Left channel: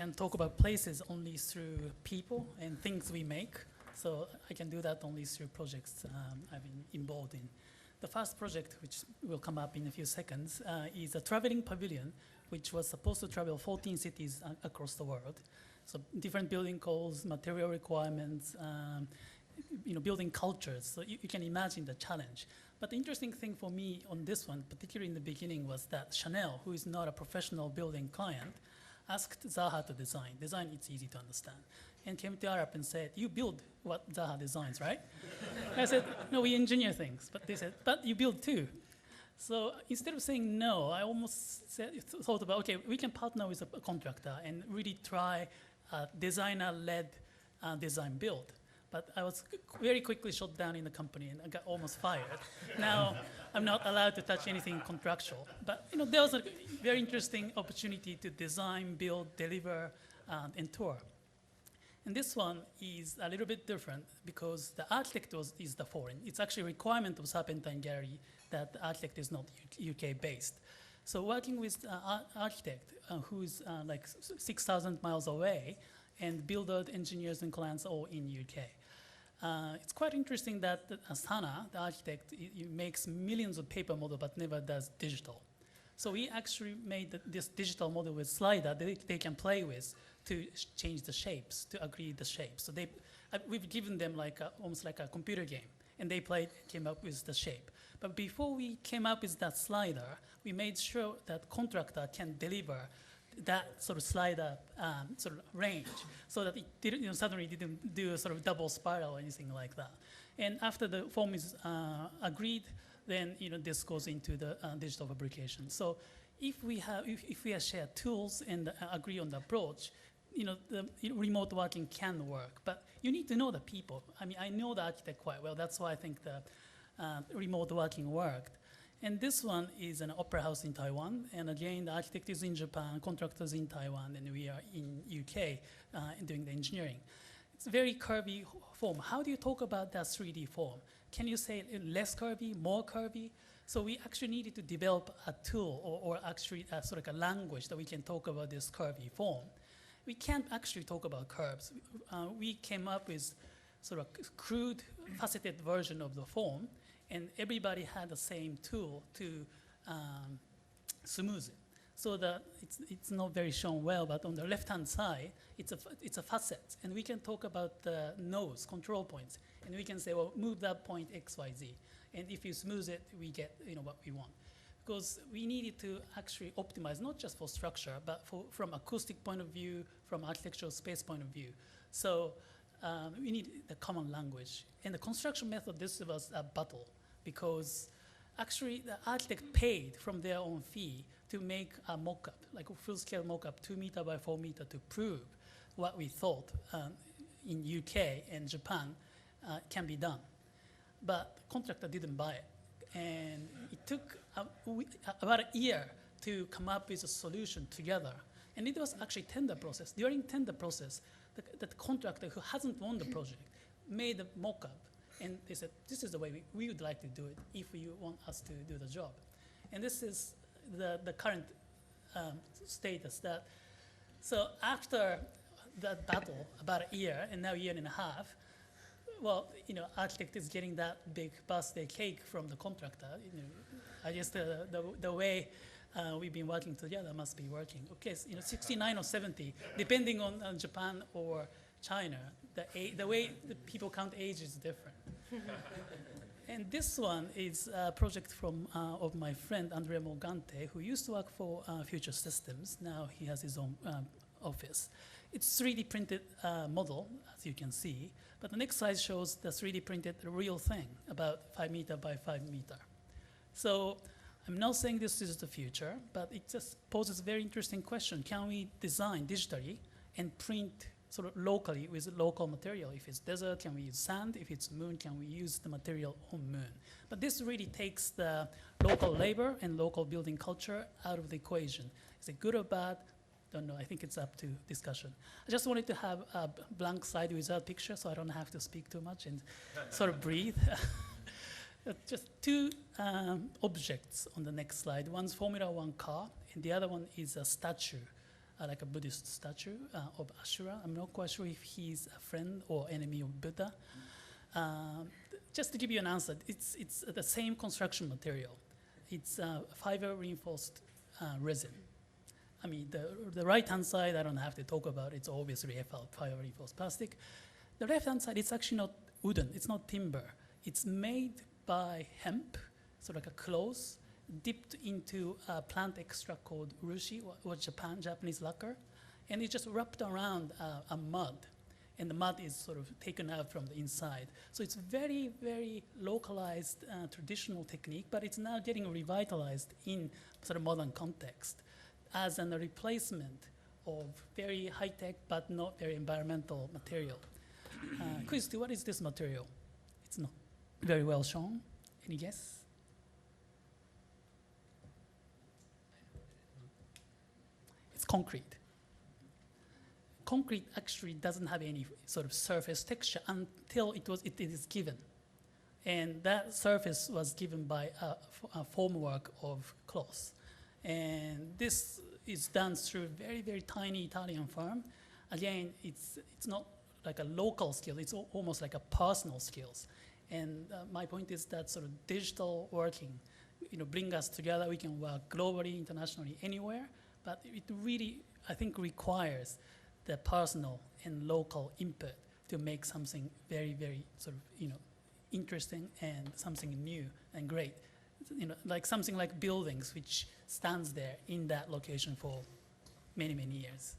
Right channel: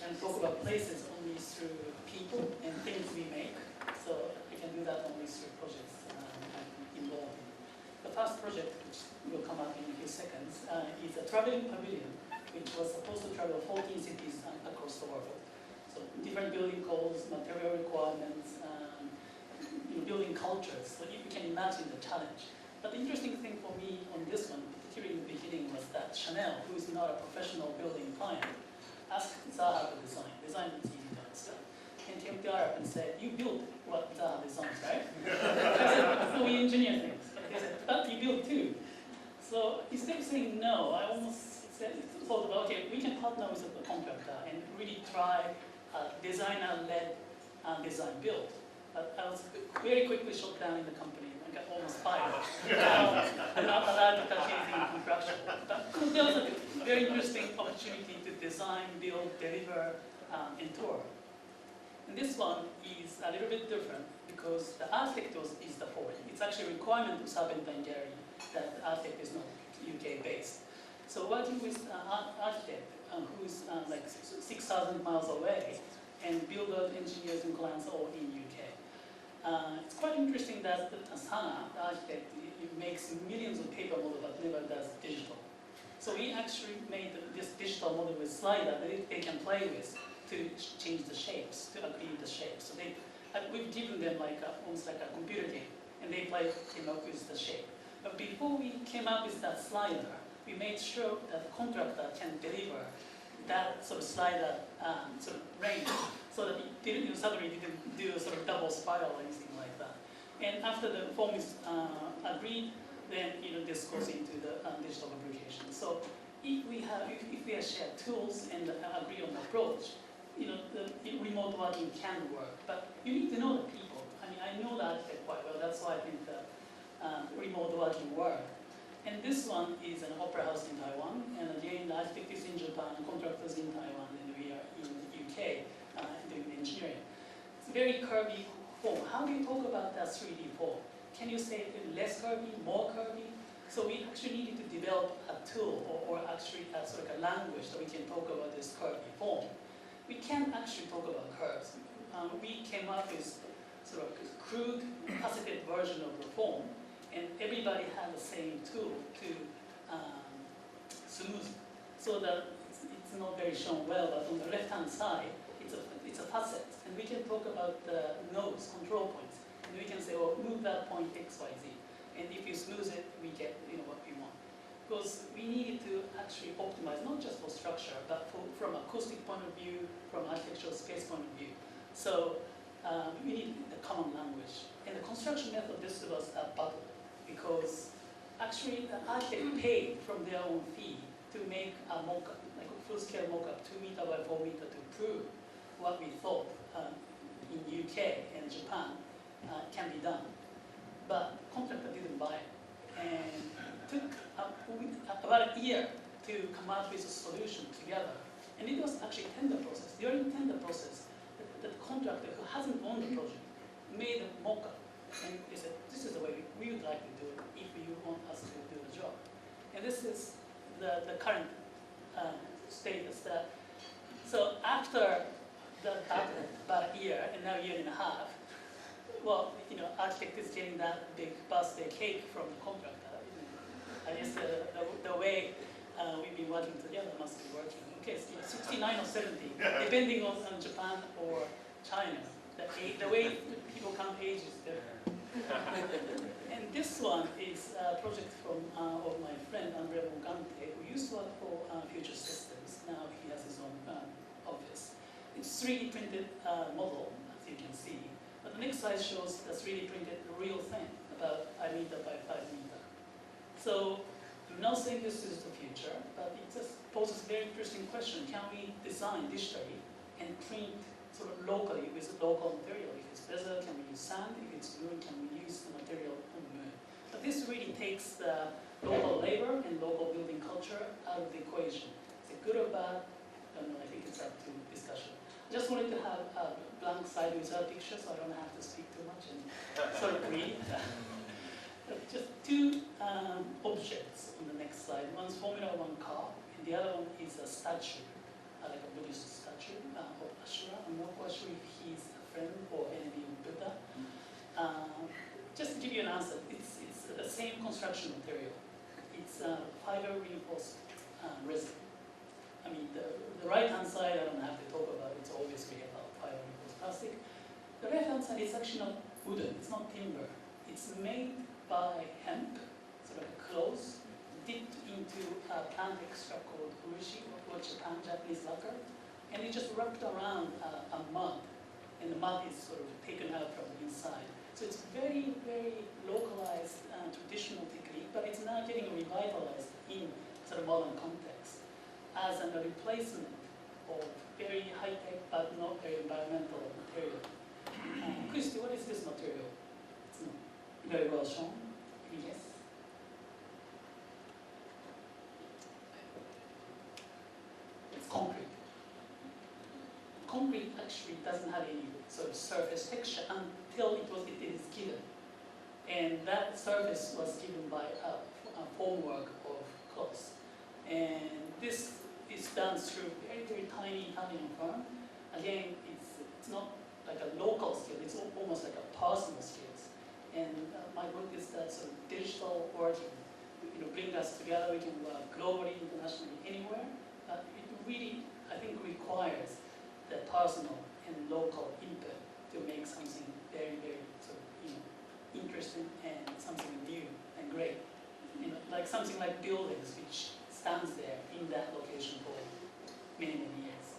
can talk about places only through people and things we make. So I can do that only through projects I'm involved in. The first project, which will come up in a few seconds, is a traveling pavilion, which was supposed to travel 14 cities across the world. So different building codes, material requirements, building cultures. So you can imagine the challenge. But the interesting thing for me on this one, particularly in the beginning, was that Chanel, who is not a professional building client, asked Zaha to design. Design that's easy to understand. And came to Europe and said, you build what Zaha designs, right? I said, no, we engineer things. But they said, but you build too. So instead of saying no, I almost thought about, okay, we can partner with a contractor and really try designer-led design build. But I was very quickly shut down in the company and I got almost fired. Now I'm not allowed to touch anything contractual. But there was a very interesting opportunity to design, build, deliver, and tour. And this one is a little bit different because the architect is the foreign. It's actually a requirement of Serpentine Gallery that the architect is not UK based. So working with an architect who's like 6,000 miles away and builder, engineers and clients all in UK. It's quite interesting that Sana, the architect, makes millions of paper model but never does digital. So we actually made this digital model with slider that they can play with to change the shapes, to agree the shapes. So we've given them almost like a computer game, and they came up with the shape. But before we came up with that slider, we made sure that contractor can deliver that sort of slider sort of range, so that it didn't, suddenly didn't do a sort of double spiral or anything like that. And after the form is agreed, then this goes into the digital fabrication. So if we have shared tools and agree on the approach, the remote working can work. But you need to know the people. I mean, I know the architect quite well. That's why I think the remote working worked. And this one is an opera house in Taiwan. And again, the architect is in Japan, contractors in Taiwan, and we are in UK doing the engineering. It's a very curvy form. How do you talk about that 3D form? Can you say less curvy, more curvy? So we actually needed to develop a tool or actually sort of a language that we can talk about this curvy form. We can't actually talk about curves. We came up with sort of crude, faceted version of the form, and everybody had the same tool to smooth it. So that it's not very shown well, but on the left-hand side, it's a facet, and we can talk about the nodes, control points. And we can say, well, move that point X, Y, Z. And if you smooth it, we get what we want. Because we needed to actually optimize, not just for structure, but from acoustic point of view, from architectural space point of view. So we need a common language. And the construction method, this was a battle, because actually the architect paid from their own fee to make a mock-up, like a full-scale mock-up, 2 meter by 4 meter, to prove what we thought in UK and Japan can be done. But the contractor didn't buy it. And it took about a year to come up with a solution together. And it was actually tender process. During tender process, the contractor who hasn't won the project made a mock-up. And they said, this is the way we would like to do it if you want us to do the job. And this is the current status. So after the battle, about a year, and now a year and a half, well, architect is getting that big birthday cake from the contractor. I guess the way we've been working together must be working. Okay, so 69 or 70, depending on Japan or China, the way people count age is different. And this one is a project of my friend Andrea Morgante, who used to work for Future Systems. Now he has his own office. It's 3D printed model, as you can see. But the next slide shows the 3D printed real thing, about 5 meter by 5 meter. So I'm not saying this is the future, but it just poses a very interesting question. Can we design digitally and print sort of locally with local material? If it's desert, can we use sand? If it's moon, can we use the material on moon? But this really takes the local labor and local building culture out of the equation. Is it good or bad? Don't know, I think it's up to discussion. I just wanted to have a blank slide without picture so I don't have to speak too much and sort of breathe. Just two objects on the next slide. One's Formula One car, and the other one is a statue like a Buddhist statue of Ashura. I'm not quite sure if he's a friend or enemy of Buddha. Just to give you an answer, it's the same construction material. It's fiber reinforced resin. I mean, the right-hand side, I don't have to talk about. It's obviously fiber reinforced plastic. The left-hand side, it's actually not wooden. It's not timber. It's made by hemp, so like a cloth, dipped into a plant extract called urushi, or Japanese lacquer, and it's just wrapped around a mud, and the mud is sort of taken out from the inside. So it's very, very localized traditional technique, but it's now getting revitalized in sort of modern context as a replacement of very high-tech but not very environmental material. Christy, what is this material? It's not very well shown. Any guess? It's concrete. Concrete actually doesn't have any sort of surface texture until it is given. And that surface was given by a formwork of cloth. And this is done through very, very tiny Italian firm. Again, it's not like a local skill, it's almost like a personal skills. And my point is that sort of digital working, bring us together. We can work globally, internationally, anywhere. But it really, I think, requires the personal and local input to make something very, very sort of, interesting and something new and great. Like something like buildings, which stands there in that location for many, many years.